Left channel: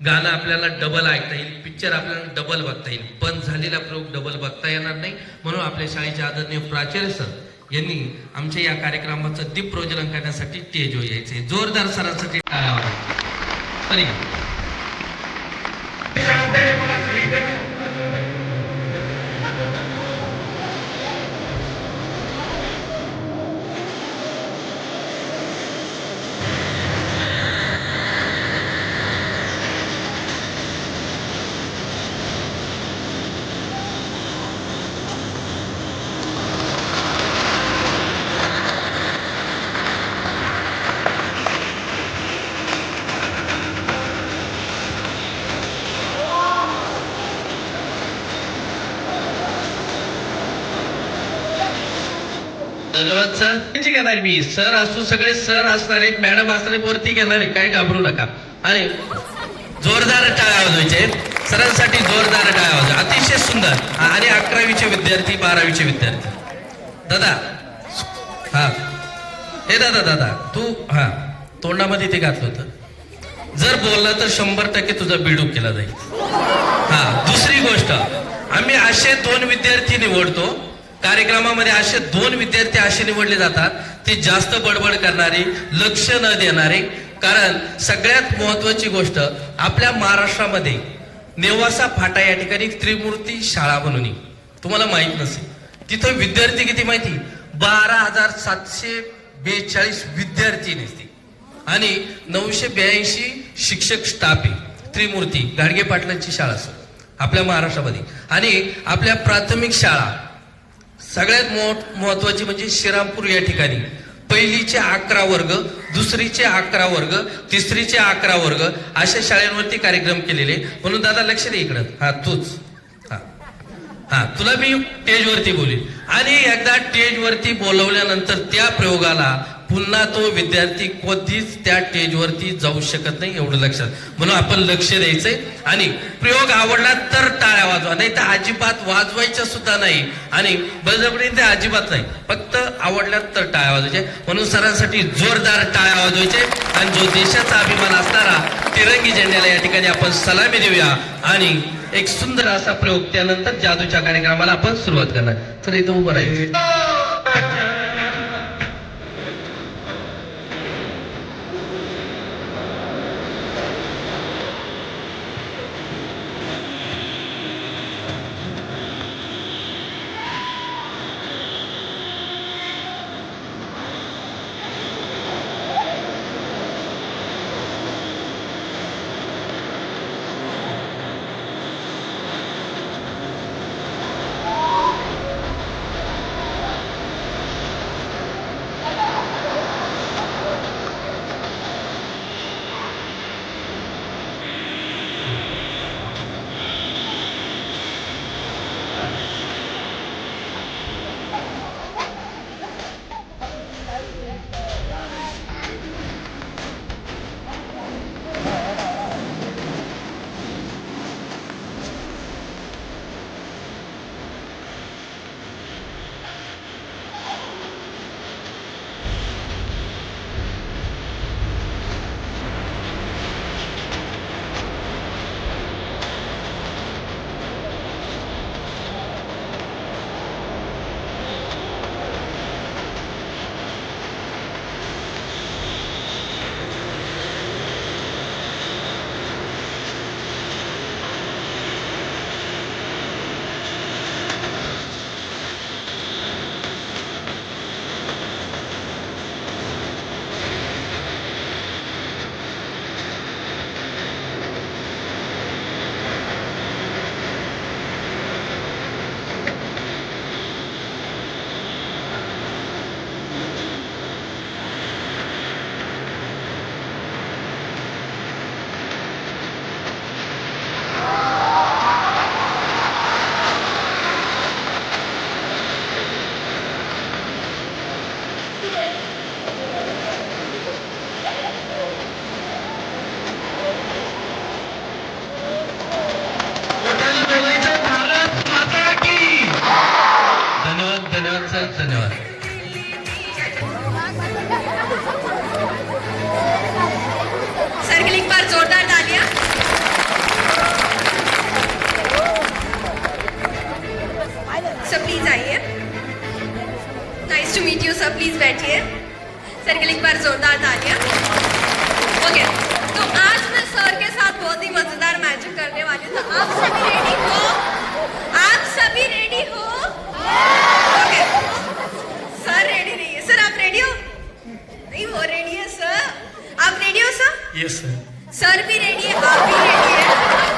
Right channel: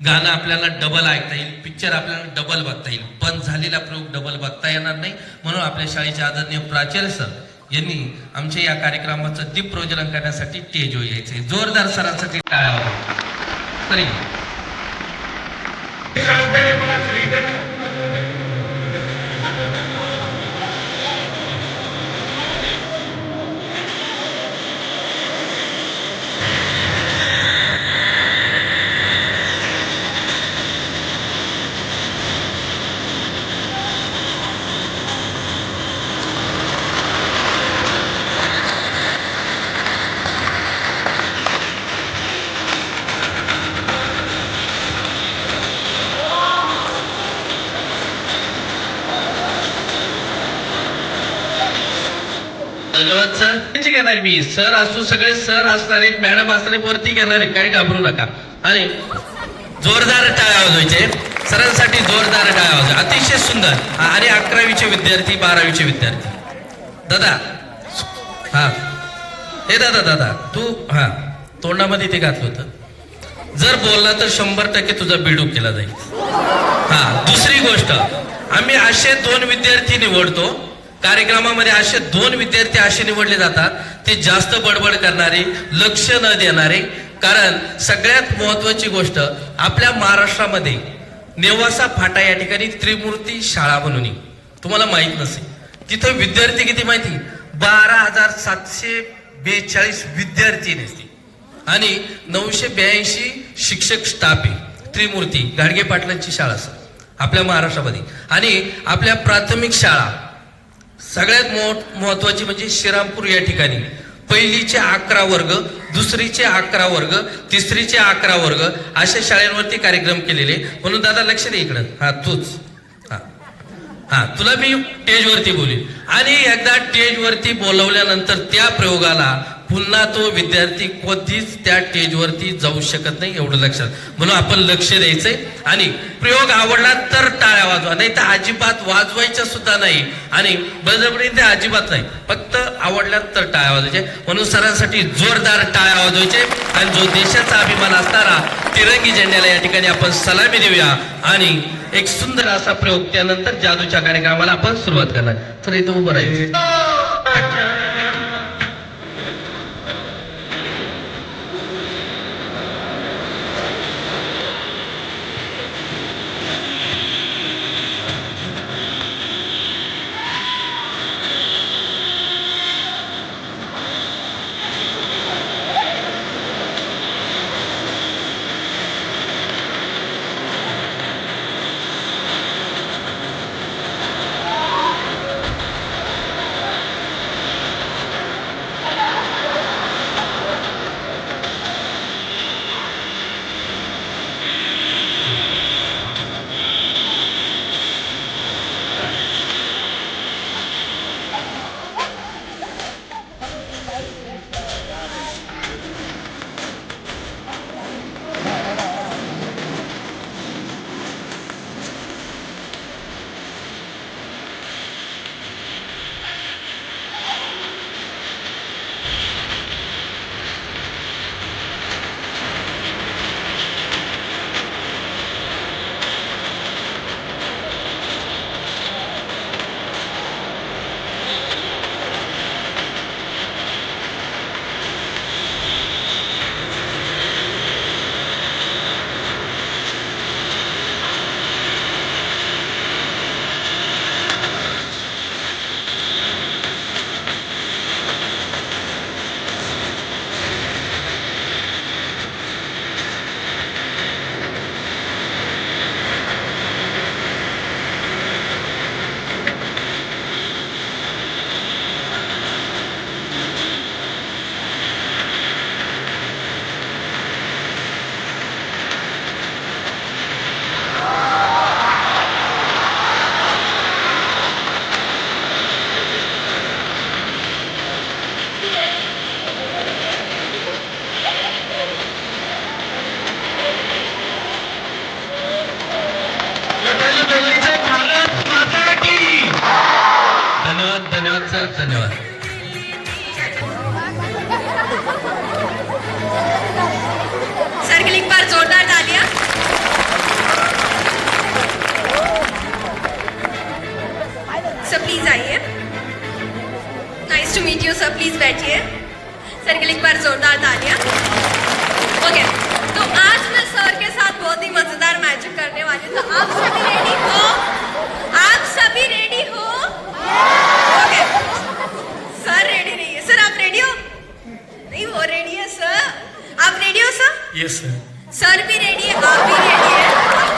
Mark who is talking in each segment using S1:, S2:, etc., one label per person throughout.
S1: गाणं आपल्याला डबल ऐकता येईल पिक्चर आपल्याला डबल बघता येईल. पण झालेला प्रयोग डबल बघता येणार नाही. म्हणून आपल्या शाळेचे आदरणीय प्राचार्य सर यांनी आमच्या या कार्यक्रमाचं दीप प्रज्वलन करण्यासाठी स्टेजवर यायचे जोरदार सरांसाठी टाळ्या तरी धन्यवाद सर. त्यांची घेणार मी सर असू सगळे सर असणारे मॅडम असणारे वरती घेणारे काय घाबरू नका. अरे जोरदार टाळ्या वाजवायचे सरांसाठी जोरदार टाळ्या वाजवा. अतिशय सुंदर. आणि अकरावीचे विद्यार्थी बारावीचे विद्यार्थी. दादा. हा. हे दादा दादा. तू हा. तोंडामध्ये ते घातलं होतं. जर बोलला तर शंभर टक्के तुझा बिडूक केला जाईल. हा दुसरी गोष्ट. आम्ही असे दोन विद्यार्थी निवडतो कार्यक्रमामध्ये असे दोन विद्यार्थी असे निवडले जातात ते जास्त बडबड करणारे लक्ष न देणारे. कारण सगळ्यात महत्वाची गोष्ट आपल्या महाराष्ट्रामध्ये नेवासा फाटा या ठिकाणी त्रिमूर्ती शाळा बनवली तुम्हाला माहीत नसेल. तिथं विद्यार्थी किती माहिती? बारा हजार सातशे बेचाळीस विद्यार्थी नसते आणि नऊशे ब्याऐंशी शिक्षक स्टाफ आहे. त्रिमूर्ती गाडगे पाटलांची शाळा सर. आपल्या महाराष्ट्रामध्ये. आणि आपल्या प्राथमिक शाळा सगळ्यात मोठ महत्वाची म्हणजे श्रीरामपूर या ठिकाणी. पहिलीचे अकरा वर्ग दुसरीचे अकरा वर्ग तिसरीचे अकरा वर्ग अशा शाळेंवरती कार्यक्रम केलेले. म्हणून दादा लक्ष दे इकडं. हा तूच. हा. हा तुला मी स्टेजवरती बोलेन. आणि एकदा स्टेजवरती बोलवल्यानंतर त्या प्रयोगाला पुन्हा तो विद्यार्थी कधीच त्या स्टेजवरती जाऊ शकत नाही एवढं लक्षात. म्हणून आपण लक्ष द्यायचंय. आणि प्रयोग आवडला तर टाळ्या वाजवा. नाही तर अजिबात वाजवायच्या सुद्धा नाही. आणि बळजबरी ते अजिबात नाही. फक्त आवडल्या तर टाळ्या वाजवायचे. म्हणून सरांसाठी जोरदार टाळ्या वाजवायचे. आणि जो देशाचा अभिमान असणारा तिरंगी झेंड्याला या ठिकाणी आपण सलामी देऊया. आणि एक सुंदर असा प्रयोग त्यानंतर जादूच्या कार्यक्रमाला आपण सुरुवात करणार. तर इथं उभं राहील पर जोरदार तालियां। ओके तो आज मैं सर के
S2: साथ बहुत ही मजेदार मैजिक करने वाली तो आप सभी रेडी हो? आप सभी रेडी हो? सर रेडी नहीं है। सर आप रेडी हो? नहीं वो रेडी है सर। आप रेडी हो सर?
S3: यस सर
S2: सर भी रेडी है आप भी रेडी है।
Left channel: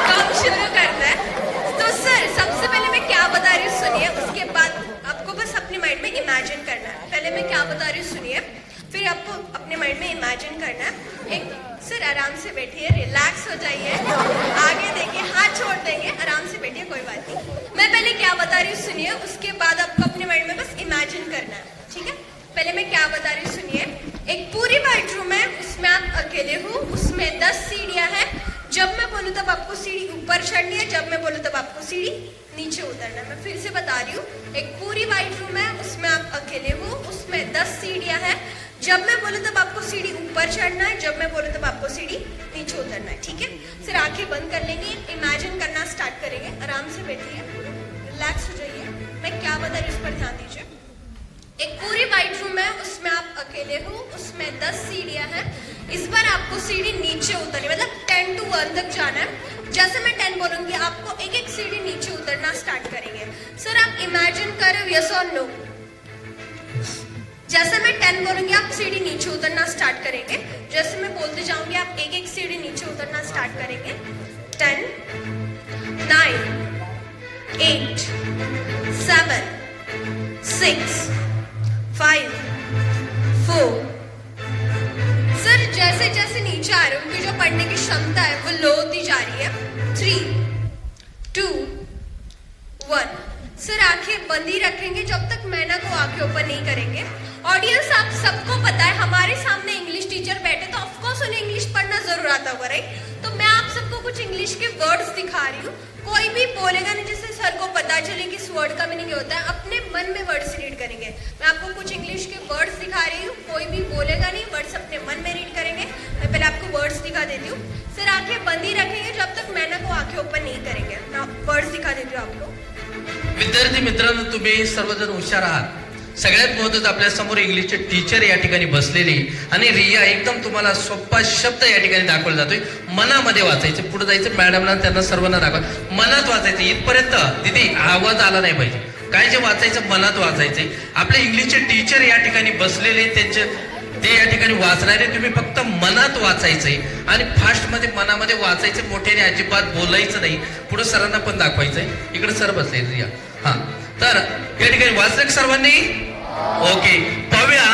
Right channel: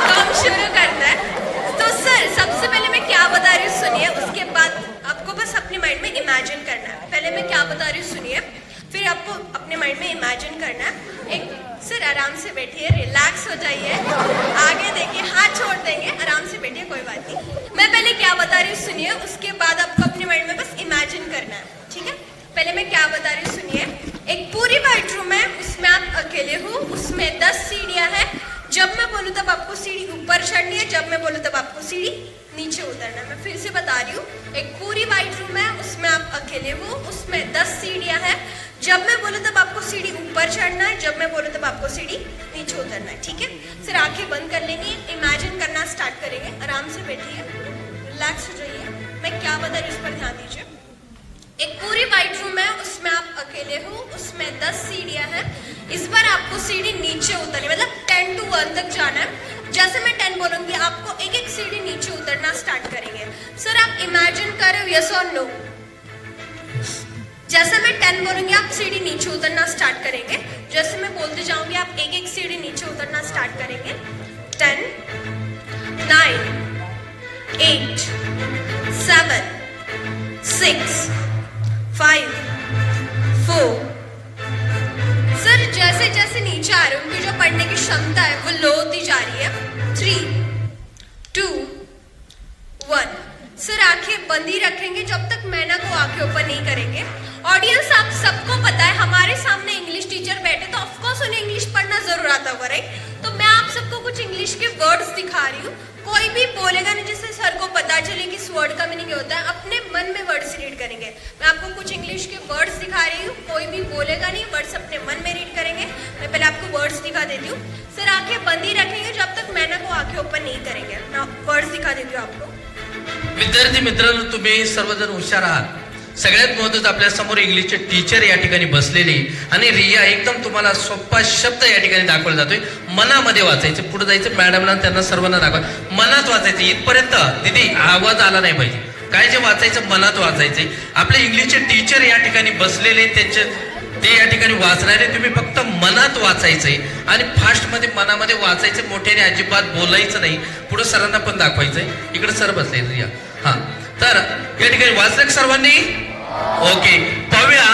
S2: तो हम शुरू करते हैं। तो सर सबसे पहले मैं क्या बता रही हूँ सुनिए। उसके बाद आपको बस अपने माइंड में इमेजिन करना है। पहले मैं क्या बता रही हूँ सुनिए। इमेजिन करना एक सर, आराम से बैठिए रिलैक्स हो जाइए। आगे देखिए, हाथ छोड़ देंगे, आराम से बैठिए, कोई बात नहीं। मैं पहले क्या बता रही हूँ, सुनिए, उसके बाद आपको अपने माइंड में बस इमेजिन करना है, ठीक है? पहले मैं क्या बता रही हूँ, सुनिए। एक पूरी वाइट रूम है, उसमें आप अकेले हो, उसमें दस सीढ़ियाँ हैं। जब मैं बोलूँ तब आपको सीढ़ी ऊपर चढ़नी है, जब मैं बोलूँ तब आपको सीढ़ी नीचे उतरना मैं फिर से बता रही हूँ, एक पूरी वाइट रूम है, उसमें आप अकेले हो, उसमें दस सीढ़ियाँ हैं। जब मैं बोलूँ तब आपको सीढ़ी ऊपर चढ़ना है, जब मैं बोलूँ तब आपको सीढ़ी नीचे उतरना है, ठीक है? फिर आँखें बंद कर लेंगे इमेजिन करना स्टार्ट करेंगे, आराम से बैठिए रिलैक्स हो जाइए। मैं क्या बता इस पर ध्यान दीजिए? एक पूरी वाइट रूम है, उसमें आप अकेले हो, उसमें दस सीढ़ियाँ हैं। इस बार आपको सीढ़ी नीचे उतरनी मतलब टेन टू वन तक जाना है। जैसे मैं टेन बोलूँगी, आपको एक एक सीढ़ी नीचे उतरना स्टार्ट करेंगे। सर, आप इमेजिन करो यस और नो जैसे मैं टेन बोलूँगी, आप सीढ़ी नीचे उतरना स्टार्ट करेंगे। जैसे मैं बोलते जाऊँगी, आप एक एक सीढ़ी नीचे उतरना स्टार्ट करेंगे। Ten nine eight seven six five four sir जैसे जैसे नीचे आ रहे हैं उनकी जो पढ़ने की क्षमता है, वो लो होती जा रही है। थ्री टू वन सर आँखें बंद ही रखेंगे, जब तक मैना को आँखें ओपन नहीं करेंगे। ऑडियंस आप सबको पता है, हमारे सामने इंग्लिश टीचर बैठे तो ऑफकोर्स उन्हें इंग्लिश पढ़ना ज़रूर आता होगा राइट तो मैं आप सबको कुछ इंग्लिश के वर्ड्स दिखा रही हूँ। कोई भी बोलेगा नहीं, जिससे सर को पता चले कि इस वर्ड का मीनिंग होता है, अपने मन में वर्ड्स रीड करेंगे। मैं आपको कुछ इंग्लिश के वर्ड्स दिखा रही हूँ। कोई भी बोलेगा नहीं वर्ड्स अपने मन में रीड करेंगे। मैं पहले आपको वर्ड्स दिखा देती हूँ। सर आँखें बंद ही रखेंगे जब तक मैंने को आँखें ओपन नहीं करेंगे। मैं वर्ड्स दिखा देती हूँ आपको
S1: विद्यार्थी मित्रांनो, तुम्ही सर्वजण हुशार आहात। सगळ्यात महत्वाचं आपल्यासमोर इंग्लिशचे टीचर या ठिकाणी बसलेले आणि रिया एकदम तुम्हाला सोपा शब्द या ठिकाणी दाखवला जातोय. मनामध्ये वाचायचं पुढे जायचं मॅडमला त्यांना सर्वांना दाखवा. मनात वाचायचं इथपर्यंत. दिदी आवाज आला नाही पाहिजे. काय जे वाचायचं मनात वाचायचंय आपले इंग्लिशचे टीचर या ठिकाणी बसलेले त्यांचे ते या ठिकाणी वाचणारे तुम्ही फक्त मनात वाचायचंय. आणि फास्टमध्ये मनामध्ये वाचायचं मोठ्याने अजिबात बोलायचं नाही. पुढे सरांना पण दाखवायचंय. इकडे सर बसायचं या हा. तर या ठिकाणी वाचलं सर्वांनी? ओके पाहूया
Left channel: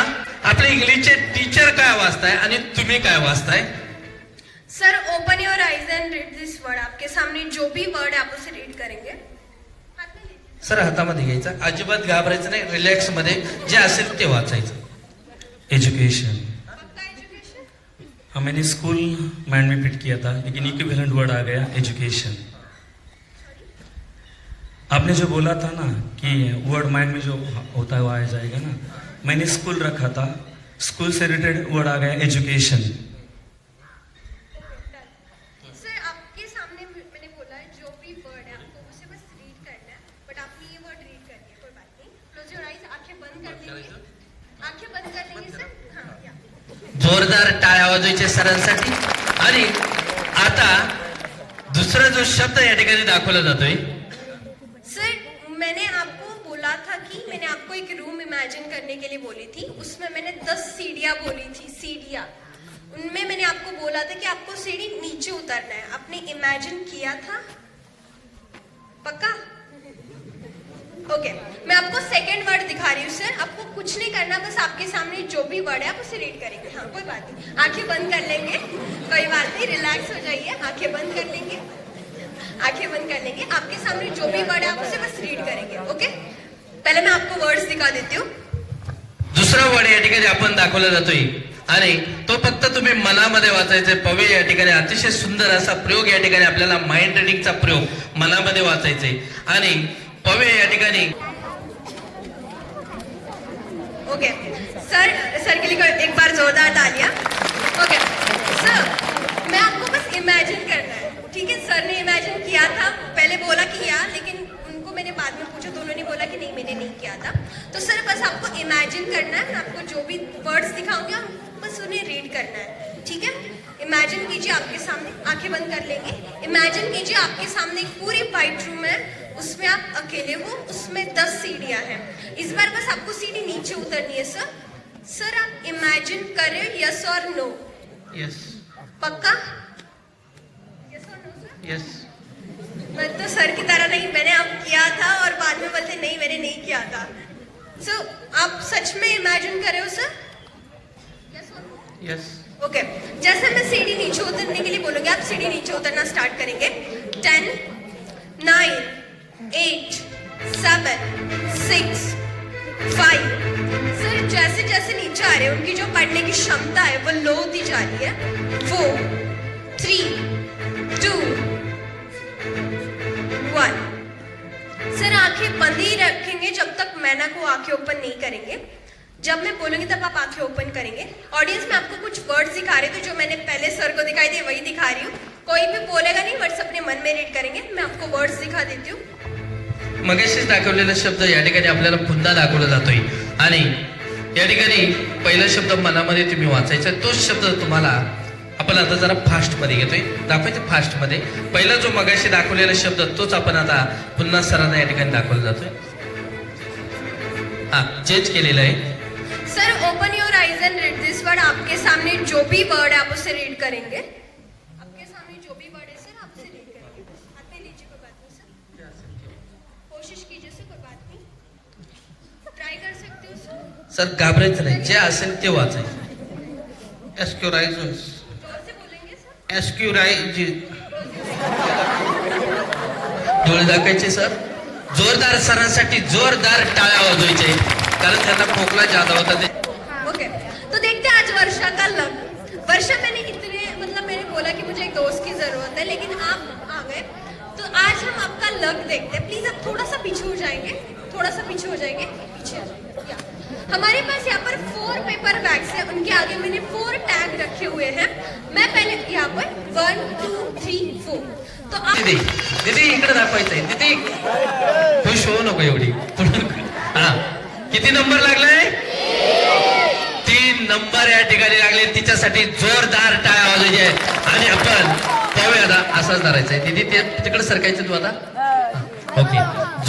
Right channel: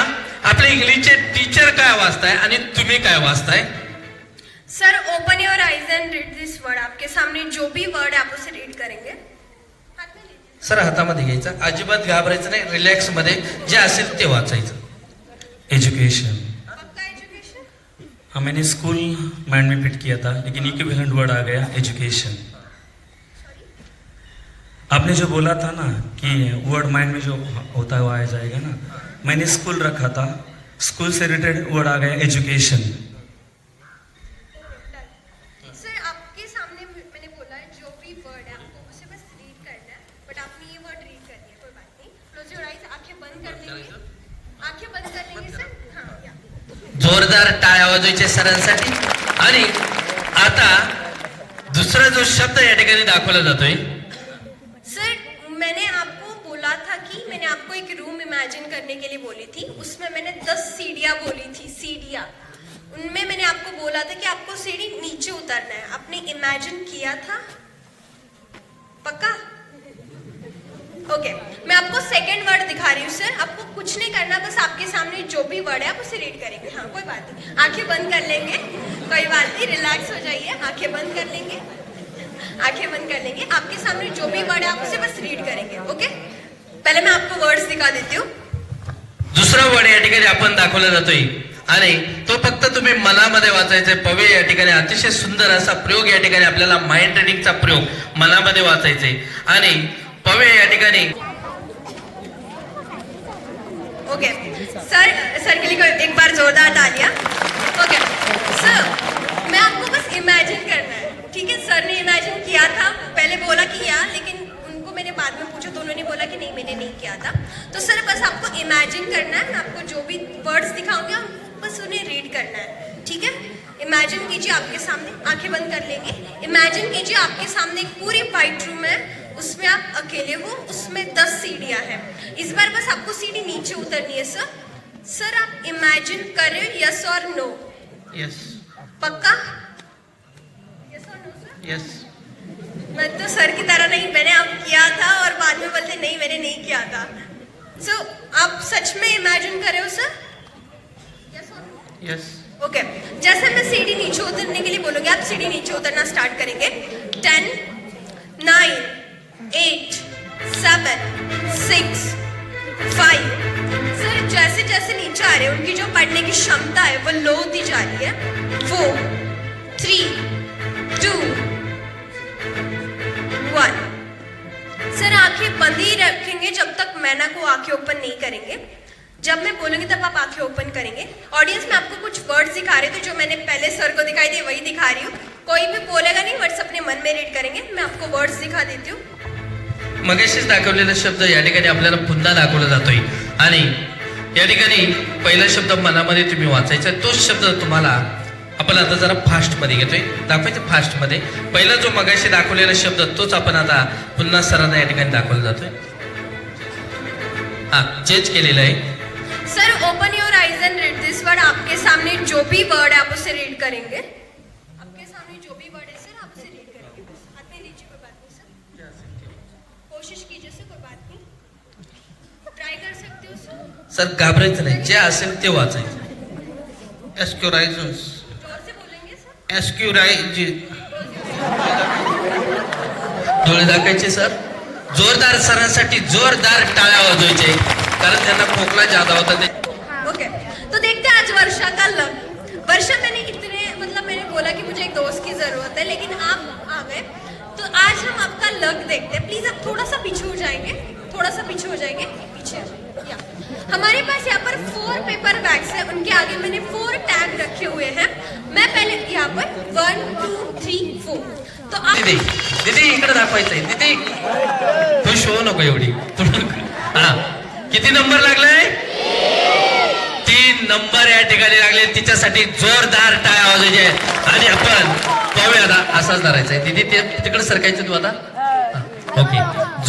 S1: आपले इंग्लिशचे टीचर काय वाचताय आणि तुम्ही काय वाचताय?
S2: Sir open your eyes and read this word आपके सामने जो भी वर्ड आप उसे रीड करेंगे।
S1: सर हातामध्ये घ्यायचं. अजिबात घाबरायचं नाही. रिलॅक्समध्ये जे असेल ते वाचायचं.
S3: एजुकेशन हाँ मैंने स्कूल माइंड में फिट किया था लेकिन इक्विवेलेंट वर्ड आ गया एजुकेशन आपने जो बोला था ना कि वर्ड माइंड में जो होता है वो आ जाएगा ना। मैंने स्कूल रखा था। स्कूल से रिलेटेड वर्ड आ गया एजुकेशन
S2: सर आपके सामने मैंने बोला है जो भी वर्ड है आपको उसे बस रीड करना है बट आपने ये वर्ड रीड करनी है कोई बात नहीं। क्लोज योर आईज आंखें बंद कर लेंगे आंखें बंद कर लेंगे सर हाँ या।
S1: जोरदार टाळ्या वाजवायचे सरांसाठी आणि आता दुसरा जो शब्द या ठिकाणी दाखवला जातोय
S2: इमेजिन करने के लिए बोली थी, उसमें मैंने दस सीढ़ियाँ बोली थी, सीढ़ियाँ। उनमें मैंने आपको बोला था कि आपको सीढ़ी नीचे उतरना है। आपने इमेजिन किया था? पक्का? Okay okay. मैं आपको सेकंड वर्ड दिखा रही हूँ सर आपको कुछ नहीं करना, बस आपके सामने जो भी वर्ड है, आप उसे रीड करेंगे। हाँ कोई बात नहीं। आँखें बंद कर लेंगे। कोई बात नहीं रिलैक्स हो जाइए। आँखें बंद कर लेंगे। आँखें बंद कर लेंगे। आपके सामने जो भी वर्ड है, आप उसे बस रीड करेंगे ओके पहले मैं आपको वर्ड्स दिखा देती हूँ।
S1: दुसरा वर्ड या ठिकाणी आपण दाखवला जातोय. आणि तो फक्त तुम्ही मनामध्ये वाचायचा. पवे या ठिकाणी अतिशय सुंदर असा प्रयोग या ठिकाणी आपल्याला माइंड रिडिंगचा प्रयोग मनामध्ये वाचायचे. आणि पवे या ठिकाणी
S2: ओके सर सर के लिए एक बार जोरदार तालियां? ओके सर मैं आपको बस इमेजिन करना है. ठीक है सर ने इमेजिन किया था. पहले बोला किया लेकिन मैंने बाद में पूछा तो उन्होंने बोला कि नहीं मैंने नहीं किया था। तो सर बस आपको इमेजिन करना है मैं आपको जो भी वर्ड्स दिखाऊँगी आप बस उन्हें रीड करना है ठीक है? इमेजिन कीजिए आपके सामने आँखें बंद कर लेंगे। इमेजिन कीजिए आपके सामने एक पूरी वाइट रूम है उसमें आप अकेले हो उसमें दस सीढ़ियाँ हैं। इस बार बस आपको सीढ़ी नीचे उतरनी है सर। सर आप इमेजिन करें यस और नो
S1: यस
S2: पक्का?
S1: यस और नो सर यस
S2: मैं तो सर की तरह नहीं मैंने अब किया था और बाद में बोलते नहीं मैंने नहीं किया था। सो so, आप सच में इमेजिन कर रहे हो सर Yes?
S1: यस
S2: ओके जैसे मैं सीढ़ी नीचे उतरने के लिए बोलूँगी आप सीढ़ी नीचे उतरना स्टार्ट करेंगे। Ten nine eight seven six five sir जैसे जैसे नीचे आ रहे हैं उनकी जो पढ़ने की क्षमता है वो लो होती जा रही है। फोर आँखें बंद ही रखेंगे जब तक मैना को आँखें ओपन नहीं करेंगे। जब मैं बोलूँगी तब आप आँखें ओपन करेंगे। ऑडियंस में आपको कुछ वर्ड्स दिखा रहे थे जो मैंने पहले सर को दिखाई दिए, वही दिखा रही हूँ। कोई भी बोलेगा नहीं वर्ड्स अपने मन में रीड करेंगे। मैं आपको वर्ड्स दिखा देती हूँ।
S1: मगाशीच दाखवलेला शब्द या ठिकाणी आपल्याला पुन्हा दाखवला जातोय. आणि या ठिकाणी पहिला शब्द मनामध्ये तुम्ही वाचायचा, तोच शब्द तुम्हाला आपण आता जरा फास्टमध्ये घेतोय. दाखवायचं फास्टमध्ये. पहिला जो मगाशी दाखवलेला शब्द तोच आपण आता पुन्हा सरांना या ठिकाणी दाखवला जातोय. हा चेंज केलेला आहे.
S2: Sir open your eyes and read this word आपके सामने जो भी वर्ड आप उसे रीड करेंगे. आपके सामने जो भी वर्ड है सर आप उसे रीड करेंगे. हाथ में लीजिए कोई बात नहीं सर कोशिश कीजिए सर कोई बात नहीं. ट्राई कर सकते हो सर
S1: सर घाबरायचं नाही. जे असेल ते वाचायचं. एस्क्युरायझन्स
S2: जोर से बोलेंगे सर
S1: एस्क्युरायझ डोळे दाखायचे सर. जोरदार सरांसाठी जोरदार टाळ्या वाजवायचे. कारण त्यांना खोकला ज्यादा होता ते
S2: ओके. तो देखते आज वर्षा का लव वर्षा मैंने इतने मतलब मैंने बोला कि मुझे एक दोस्त की जरूरत है लेकिन आप आ गए. तो आज हम आपका लक देखते हैं. प्लीज आप थोड़ा सा पीछे हो जाएंगे थोड़ा सा पीछे हो जाएंगे। पीछे हमारे पास यहाँ पर फोर पेपर बैग्स है। उनके आगे मैंने फोर टैग रखे हुए हैं। मैं पहले यहाँ पर वन टू थ्री फोर तो आप
S1: दीदी दीदी इकडे दाखवायचंय दीदी तू शो नको एवढी. हा. किती नंबर लागलाय? तीन नंबर या ठिकाणी लागले. तिच्यासाठी जोरदार टाळ्या वाजायचे आणि आपण पाहूया आता असाच धरायचा आहे दीदी ते तिकडे सरकायचं तू आता? हा, ओके.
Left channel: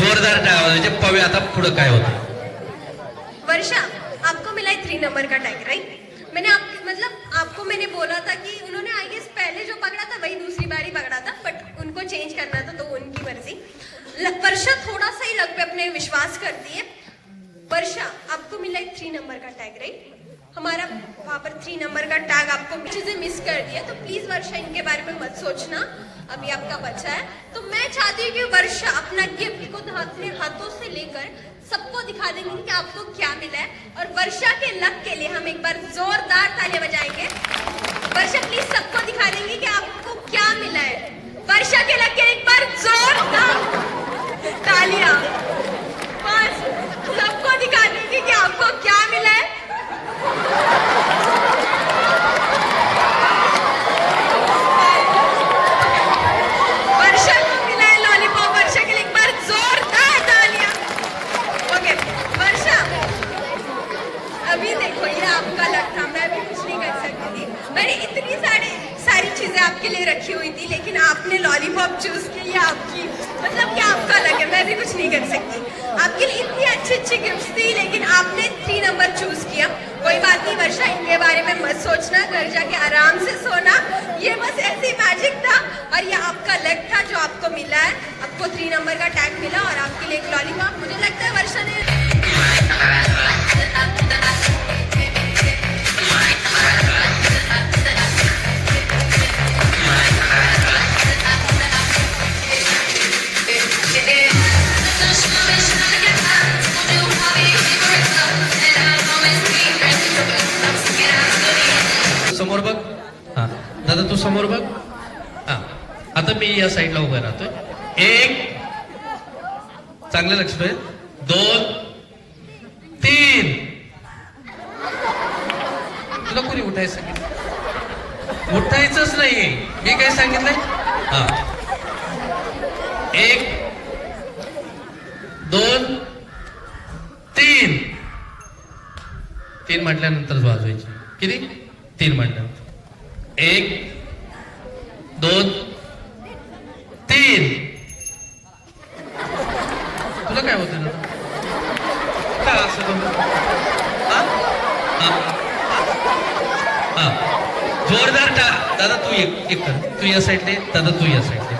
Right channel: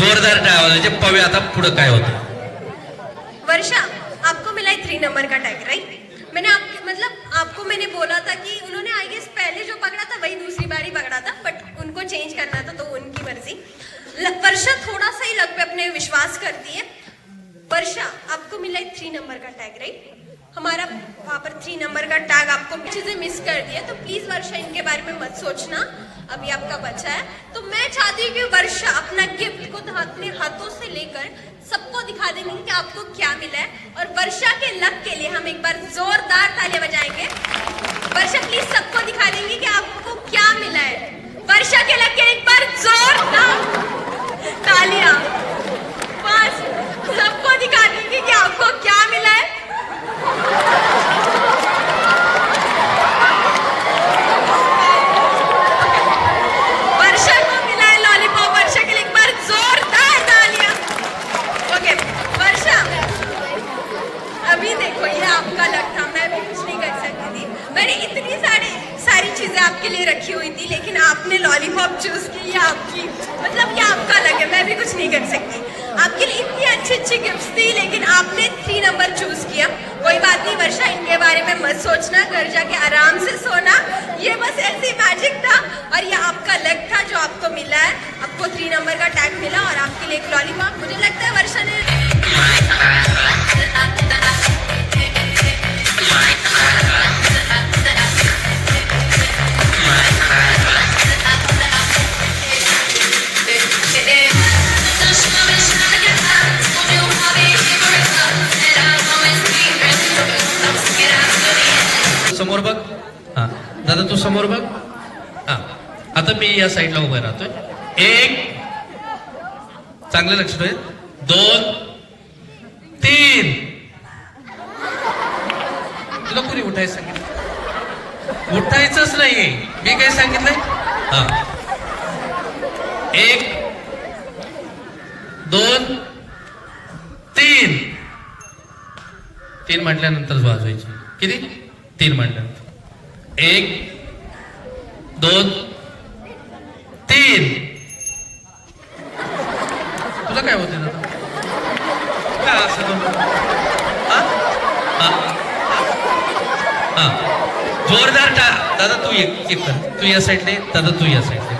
S1: जोरदार टाळ्या वाजायचे पाहूया आता पुढे काय होतं.
S2: वर्षा, आपको मिला है थ्री नंबर का टैग राइट मैंने आप मतलब आपको मैंने बोला था कि उन्होंने आई गेस पहले जो पकड़ा था, वही दूसरी बारी पकड़ा था बट उनको चेंज करना था तो उनकी मर्ज़ी। वर्षा थोड़ा सा ही लग पे अपने विश्वास करती है। वर्षा, आपको मिला है थ्री नंबर का टैग राइट हमारा, वहाँ पर थ्री नंबर का टैग आपको चीज़ें मिस कर दिया तो प्लीज़ वर्षा, इनके बारे में मत सोचना। अभी आपका बच्चा है। तो मैं चाहती हूँ कि वर्षा अपना गिफ्ट को अपने हाथों से लेकर सबको दिखा देंगे कि आपको क्या मिला है। और वर्षा के लक के लिए हम एक बार जोरदार तालियाँ बजाएँगे। वर्षा प्लीज़ सबको दिखा देंगे कि आपको क्या मिला है। वर्षा के लक के एक बार जोरदार तालियाँ। बस, सबको दिखा देंगे कि आपको क्या मिला है। ハハハハ! चीज़ें आपके लिए रखी हुई थी, लेकिन आपने लॉलीपॉप चूज़ की लिया आपकी मतलब ये आपका लक है, मैं भी कुछ नहीं कर सकती। आपके लिए इतनी अच्छी अच्छी गिफ्ट्स थी, लेकिन आपने थ्री नंबर चूज़ किया। कोई बात नहीं, वर्षा, इनके बारे में मत सोचना, घर जाके आराम से सोना। ये बस ऐसी मैजिक था, और ये आपका लक था जो आपको मिला है। आपको थ्री नंबर का टैग मिला, और आपके लिए एक लॉलीपॉप मुझे लगता है वर्षा ने
S1: समोर बघ. हा. आता मी या साईडला उभा राहतोय. एक. चांगलं लक्ष दोन. तीन. तुला कोणी उठायचं? उठायचंच नाहीये. मी काय सांगितलंय? हा. एक. दोन. तीन. तीन म्हटल्यानंतर वाजवायची. किती? तीन म्हटल्यानंतर. एक. दोन तीन तुला काय होतं आता काय असं? हा? हा. हा. जोरदार दादा तू एक तू या साईडले दादा तू या साईडले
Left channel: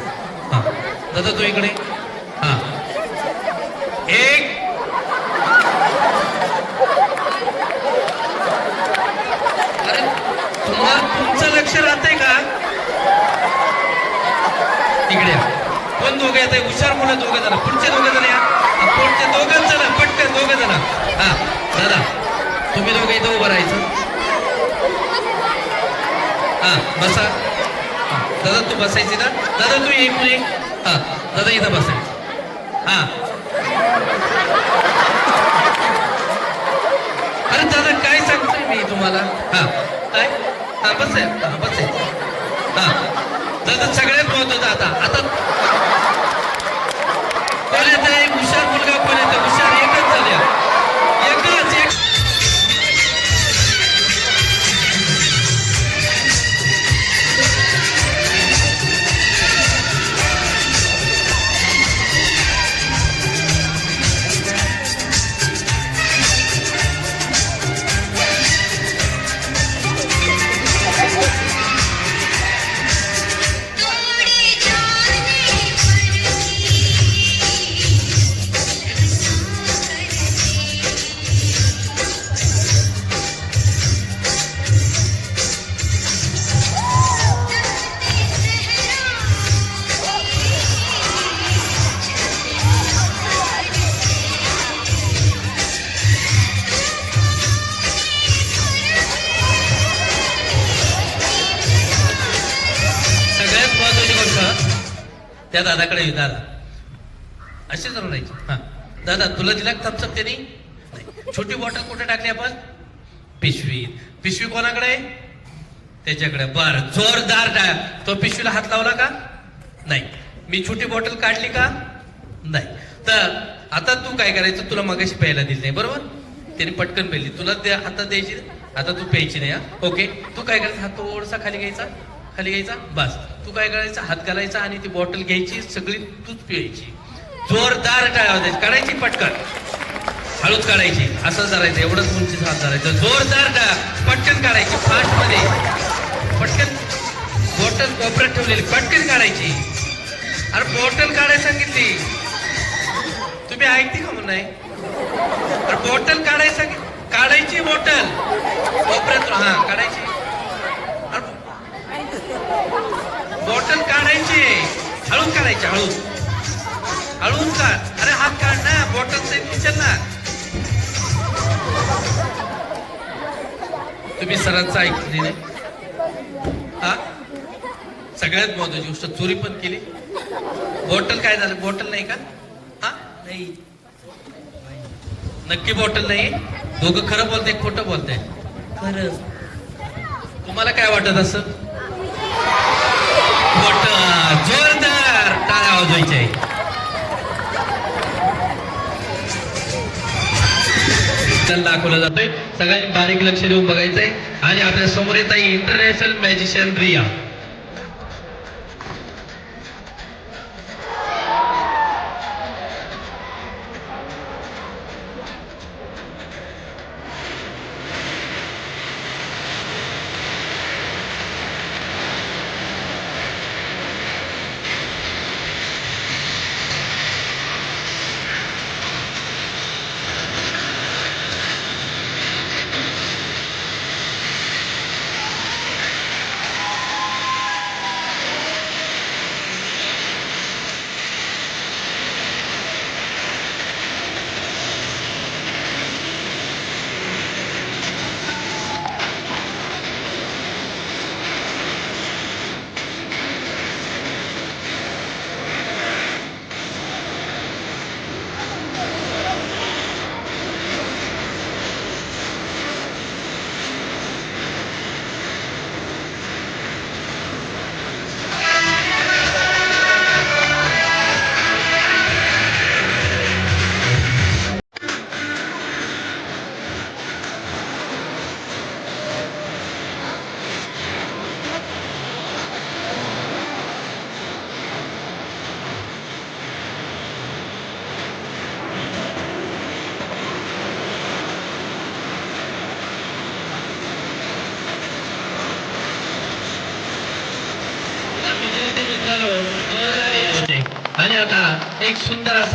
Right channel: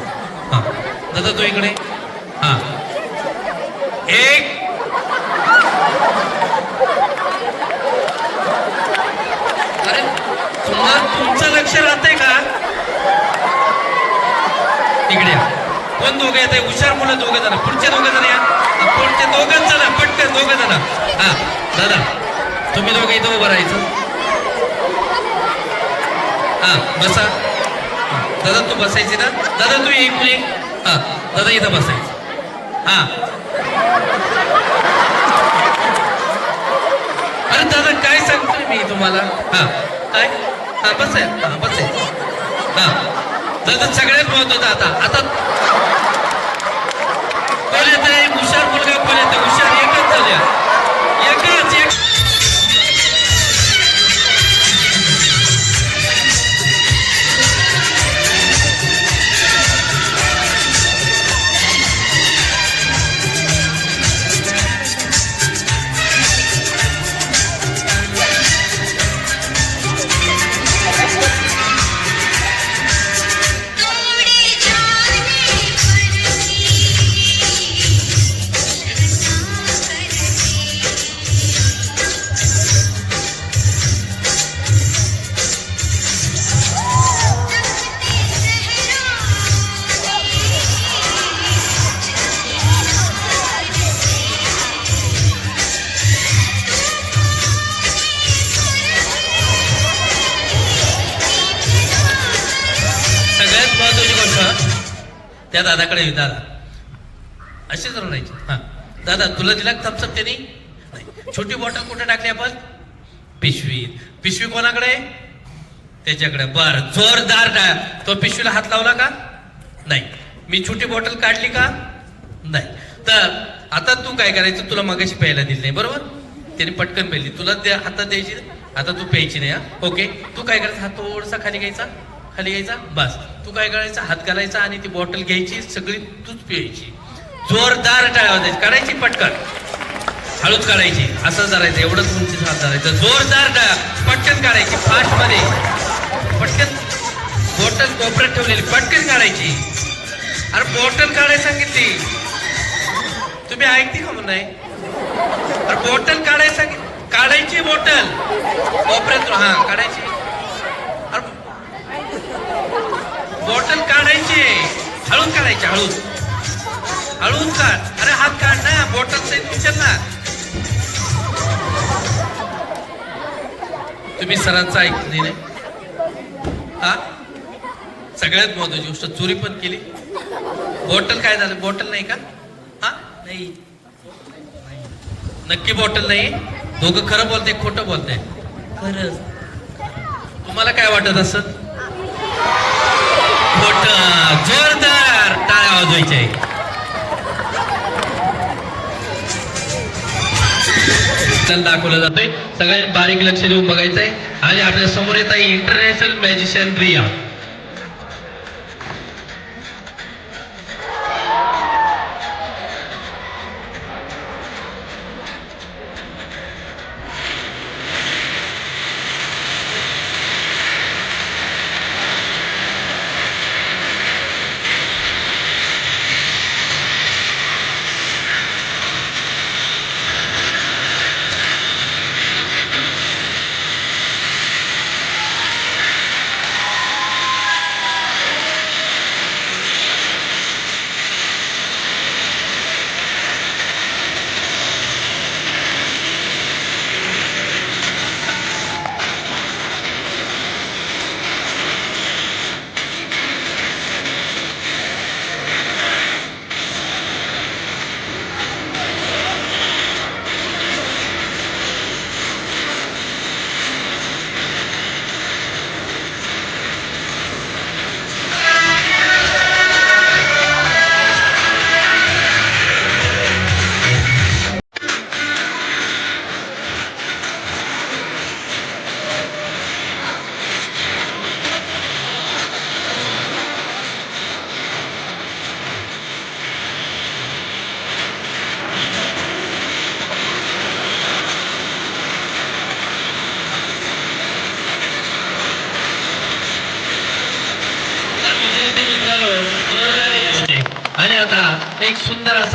S1: हा दादा तू इकडे हा एक अरे तुम्हाला तुमचं लक्ष राहतंय का इकडे या. कोण दोघं येत आहे हुशार मुलं दोघं जण पुढचे दोघं जण या हा, पुढचे दोघं जण पटकन दोघं जण हा दादा तुम्ही दोघं इथं उभं राहायचं हा बसा. दादा तू बसायची ना? दादा तू एक ये. हा दादा इथं बसायचं. हा. अरे दादा काय सांगतोय मी तुम्हाला? हा. काय? हा बस आहे हा बस हां हा. दादा सगळ्यात महत्वाचं आता आता दादा दिलं दिला थम्सअप त्यांनी छोटी बॉटल कुठे टाकली आपण? पिशवी. पिशवी कोणाकडे? त्याच्याकडे. बर. जोरदार टाळ तो पिशवीला हात लावला का? नाही. मी छोटी बॉटल काढली का? नाही. तर आता तू काय करायचं? तुला मगाशी प्यायला दिली नाही बरोबर? त्याने पटकन पेली तुला त्या हातात द्यायची आता तू प्यायची नाही हा? ओके. तू काय करायचं? हात थोडसा खाली घ्यायचा? खाली घ्यायचा? बस. तू काय करायचं? हात घालायचा आणि ती बॉटल घ्यायची. सगळी तूच प्यायची. जोरदार टाळ्या वाजायची काढायची पटकन. हळूच काढायची. असं करायचं एवढंच उंची साथ धरायचं जोरदार टाळ्या. पटकन काढायची. फास्टमध्ये. पटकन. बॉटल कोपऱ्यात ठेवलेली. पटकन काढायची. अरे बॉटल काढायला सांगितली. तुम्ही ऐकते का म्हणून नाही? अरे बोटल काढायला सांगितली काढायची बॉटल कोपऱ्यात हा काढायची. अरे बॉटल काढायची. हळूद काढायची. हळूद हळून काढ. अरे हात काढ ना बॉटल सहित उचल ना. तुम्ही सरांचं ऐकले नाही हा? सगळ्यात महत्वाची गोष्ट चोरी पण केली. बॉटल काय झालं? बॉटल नाही का? हा? नाही. नक्की बॉटल नाही. दोघं खरं बोलते खोटं बोलते खरं तुम्हाला काय वाटत असत खोट जोरदार टाळ्या वाजवायच्या आपल्याला दाखवलं जातोय. सगळ्यात बारीक लक्ष देऊन बघायचंय. आणि आपल्यासमोर येत आहे इंटरनॅशनल मॅजिशियन रिया.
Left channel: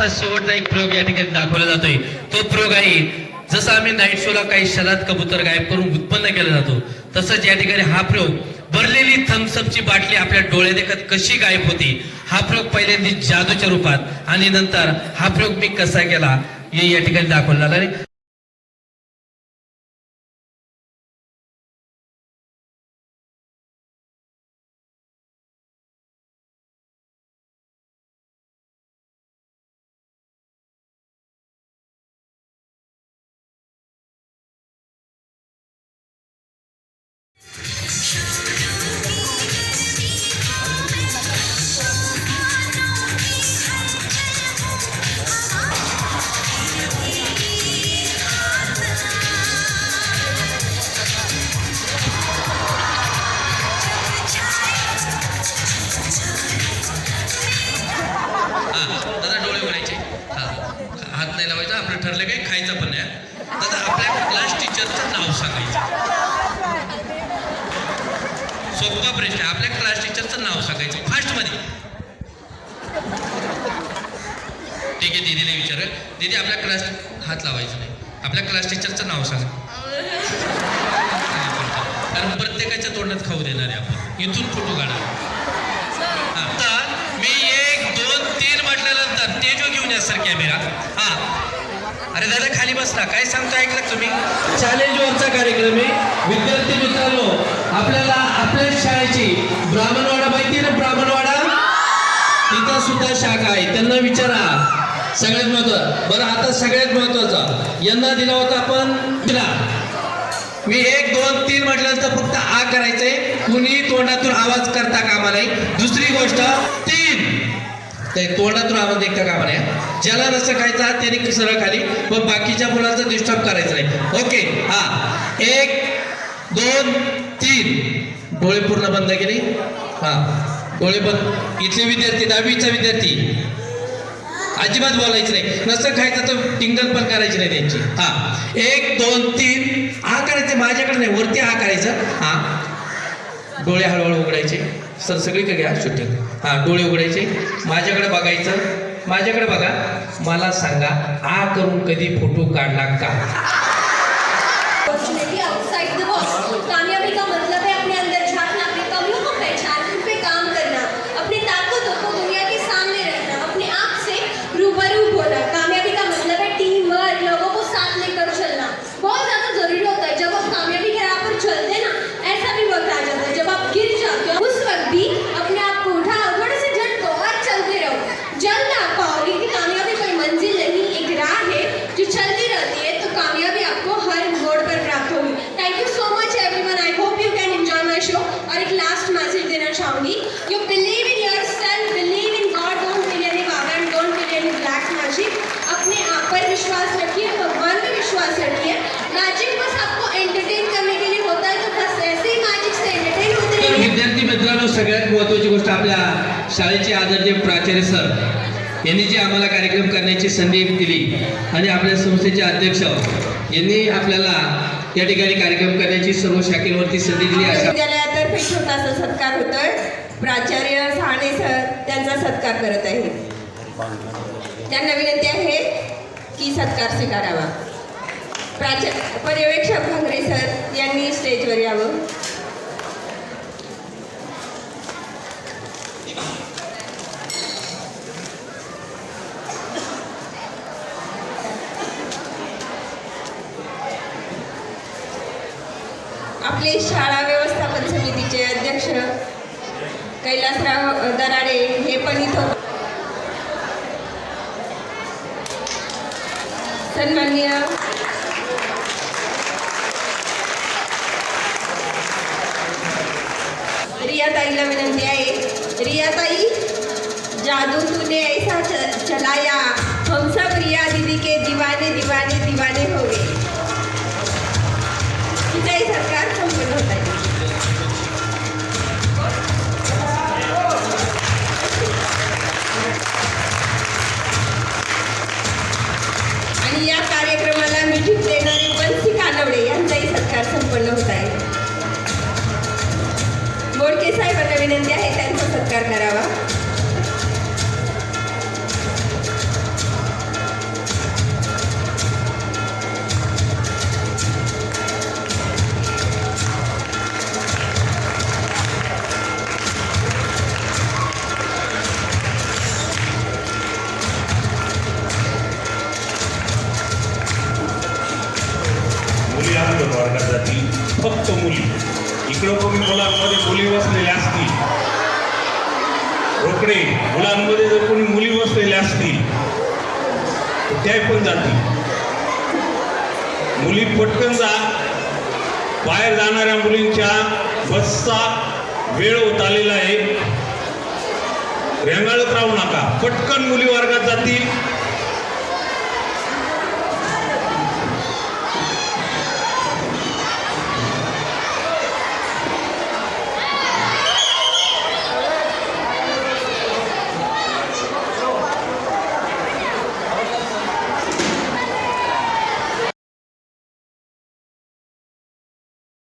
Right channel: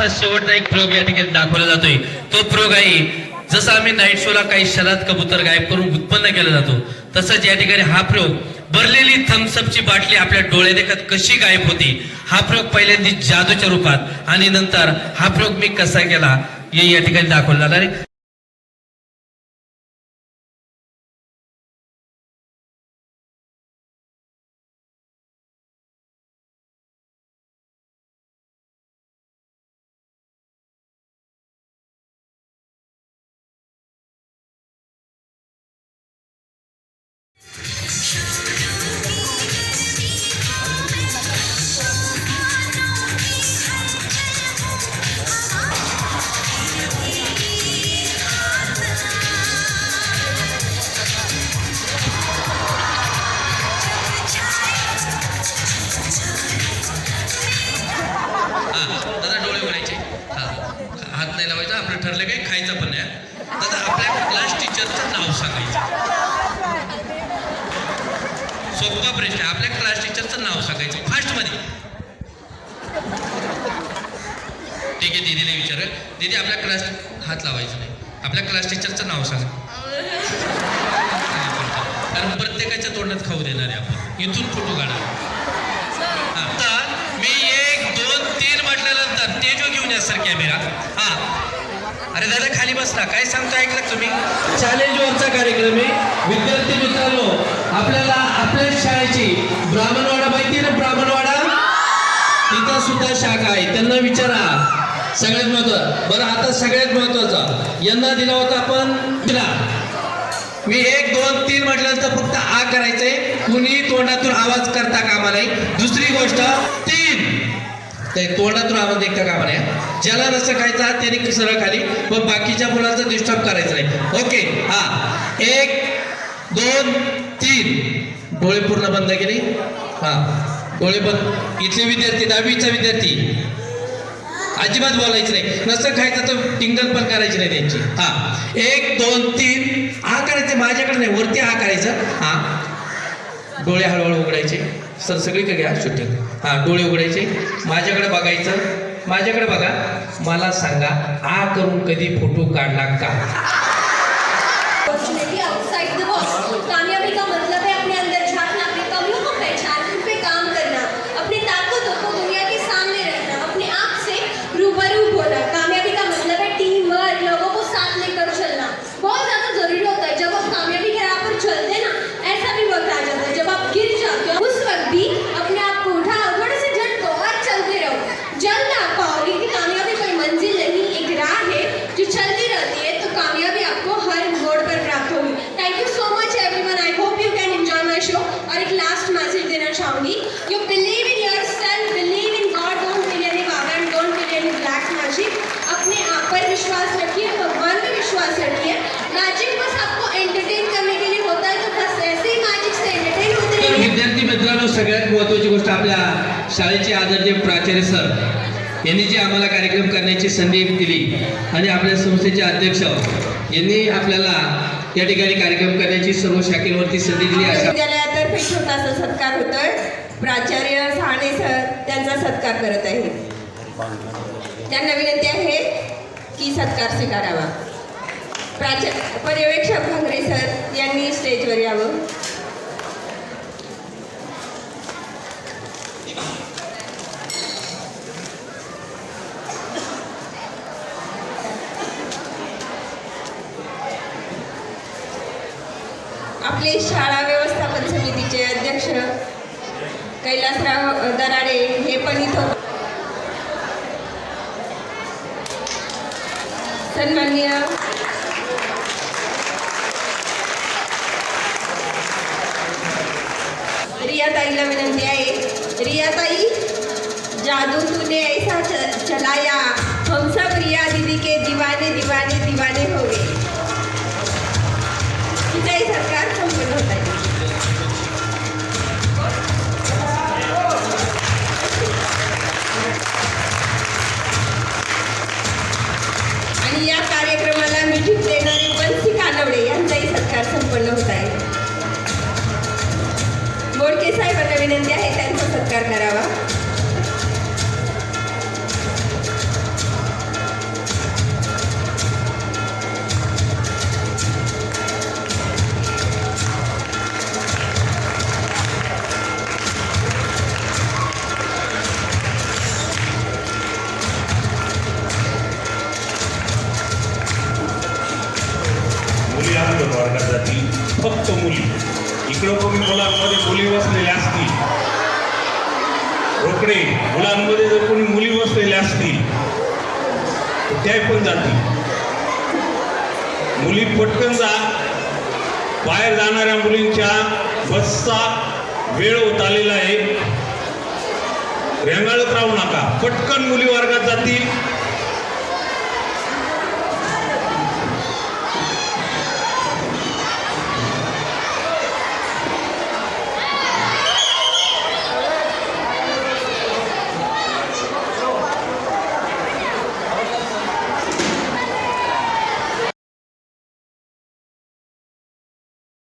S1: असा शेवटचा एक प्रयोग या ठिकाणी दाखवला जातोय. तो प्रयोग आहे जसं आम्ही नाईट शोला काही शरद कबूतर गायब करून उत्पन्न केला जातो तसंच या ठिकाणी हा प्रयोग भरलेली थम्सअपची बाटली आपल्या डोळे देखत कशी गायब होती हा प्रयोग पहिल्यांदा जादूच्या रूपात आणि नंतर हा प्रयोग मी कसा केला हे या ठिकाणी दाखवला जाणार आहे. प्रश्न आहे. आपल्या क्लास टीचरचं नाव सांगायचं. फास्टमध्ये. ठीक आहे दीदीला विचार. दीदी आपल्या क्लास हात लावायचं नाही. आपल्या क्लास टीचरचं नाव सांगा. कारण प्रत्येकाच्या तोंडात खाऊ देणार आहे आपण. इथून फोटो काढा. आता मी एक दोन तीन म्हटल्यानंतर तेजो घेऊन या सर कॅमेरा. हा. अरे दादा खाली बसला काय सांगतो ऐकलं तुम्ही? चॅलेंज वरचा कार्यक्रम आहे. विद्यार्थी मित्रांनो आपल्याला आपल्या शाळेची ब्राह्मणवाडा माहिती ना ब्राह्मणवाडा तिथं सुद्धा शाखा आहे. त्यांना विचारा. सगळ्यात महत्वाचं बरं आता सगळ्यात महत्वाचं यांना दिला होता आपण दिला. मी एक दोन तीन म्हटल्यानंतर फक्त आ करायचंय. कुणी तोंडातून आवाज करता कामा नाही दुसरी गोष्ट तीन. ते तोंडातून आवाज ऐकता कामा नाही ज्याला नसं खायचा त्याने सरळ खाली व बाकीच्या मुलांचा डिस्टर्ब करायचं नाही. ओके हा. एक दोन तीन. डोळे पूर्ण बंद केले हा. डोळे बंद. इथले विद्यार्थी दहावीचा विद्यार्थी. अजिबात बोलायचं नाही. नसं खायचं तर टिंगल पण करायची नाही त्यांची. हा. एक दोन तीन. हा करायचं माझ्याकडे नाही. वरती हा करायचं. हा. डोळे हळूहळू उघडायचे. सर सगळीकडे घ्या शूटिंग हा डोळे उघडायचे. माझ्याकडे बघायचं माझ्याकडे बघा. मला सांगा आ करून कधी फोटो काढला का
S2: अपॉर्चुनिटी आउटसाइड द बॉक्स कामयाबी का मतलब है अपने अंदर झांकना अपनी कमियों को पहचानना उन पे काम करना अपनी ताकतों को दुनिया के सामने रखना अपने आप से रूबरू होना कामयाबी का मतलब है टीम वर्क लोगों को साथ लेकर चलना बहुत ज़्यादा ज़रूरी होता है जब आप कामयाबी के राह पर चलते हैं ना ऐसा भी वक्त आ जाता है जब आप गिर जाते हो उस वक्त भी अपने आप को उठाओ थोड़े से झटको और चलते रहो जल्द आप पाओगे कि कामयाबी कोई मंजिल नहीं एक राह है जो चलती रहती है तो कामयाबी आपको हर मोड़ पर प्राप्त होगी thank you so much everyone I hope you can enjoy my show और एक लास्ट मैसेज देना चाहूंगी you believe in yourself believe in God don't believe in baba and don't believe in black magic अपने आप पर विश्वास रखिए भगवान पे विश्वास रखिए magic बस आपको एंटरटेन करने के लिए होता है तो बस ऐसे ही मैजिक से एंटरटेन होते
S1: तर
S2: रहिए
S1: विद्यार्थी मित्रांनो सगळ्यात महत्वाची गोष्ट आपल्या शाळेचे आदरणीय प्राचार्य सर यांनी जी आम्हाला कार्यक्रम करण्याची संधी दिली. आणि आपल्या संस्थेचे अध्यक्ष यांनी आपल्याला या ठिकाणी कार्यक्रम करण्याची सर्व शाखेवरती संधी दिली. अशा
S4: विद्यालयातर्फे छोटासा सत्कार होतोय. प्राचार्य साने सर त्यांचा सत्कार करत आहे. त्यांना विनंती आहे की सत्कार स्वीकारावा. प्राचार्य पर्यवेक्षक भांगरे सर यांनी स्टेजवर यावं. आपले शाळा व्यवस्थापन समितीचे अध्यक्ष कैलासराव दराडे हे पण इथं सन्माननीय रियाताईला विनंती आहे. रियाताई जादू तूने ऐसा चलाया. हम सब रिया दीदी के दीवाने दीवाने दीवाने हो गए. सरकार सत्कार होत आहे. बोडके साहेबांना विनंती आहे त्यांचा सत्कार करावा. लाभ वर्गात जातील फक्त मुली.
S5: इकडं कमी मुलांमध्ये मुली बसलेल्या असतील. रोकडे. मुलांमध्ये जर कोणी मुली बसलेल्या असतील त्या पण जातील. मुली पटकन जा. बाहेर जाणाऱ्या मुलींच्या बसचा वेळ होत आलेला आहे. रेंगाळत राहू नका. पटकन मुली वर्गात जातील.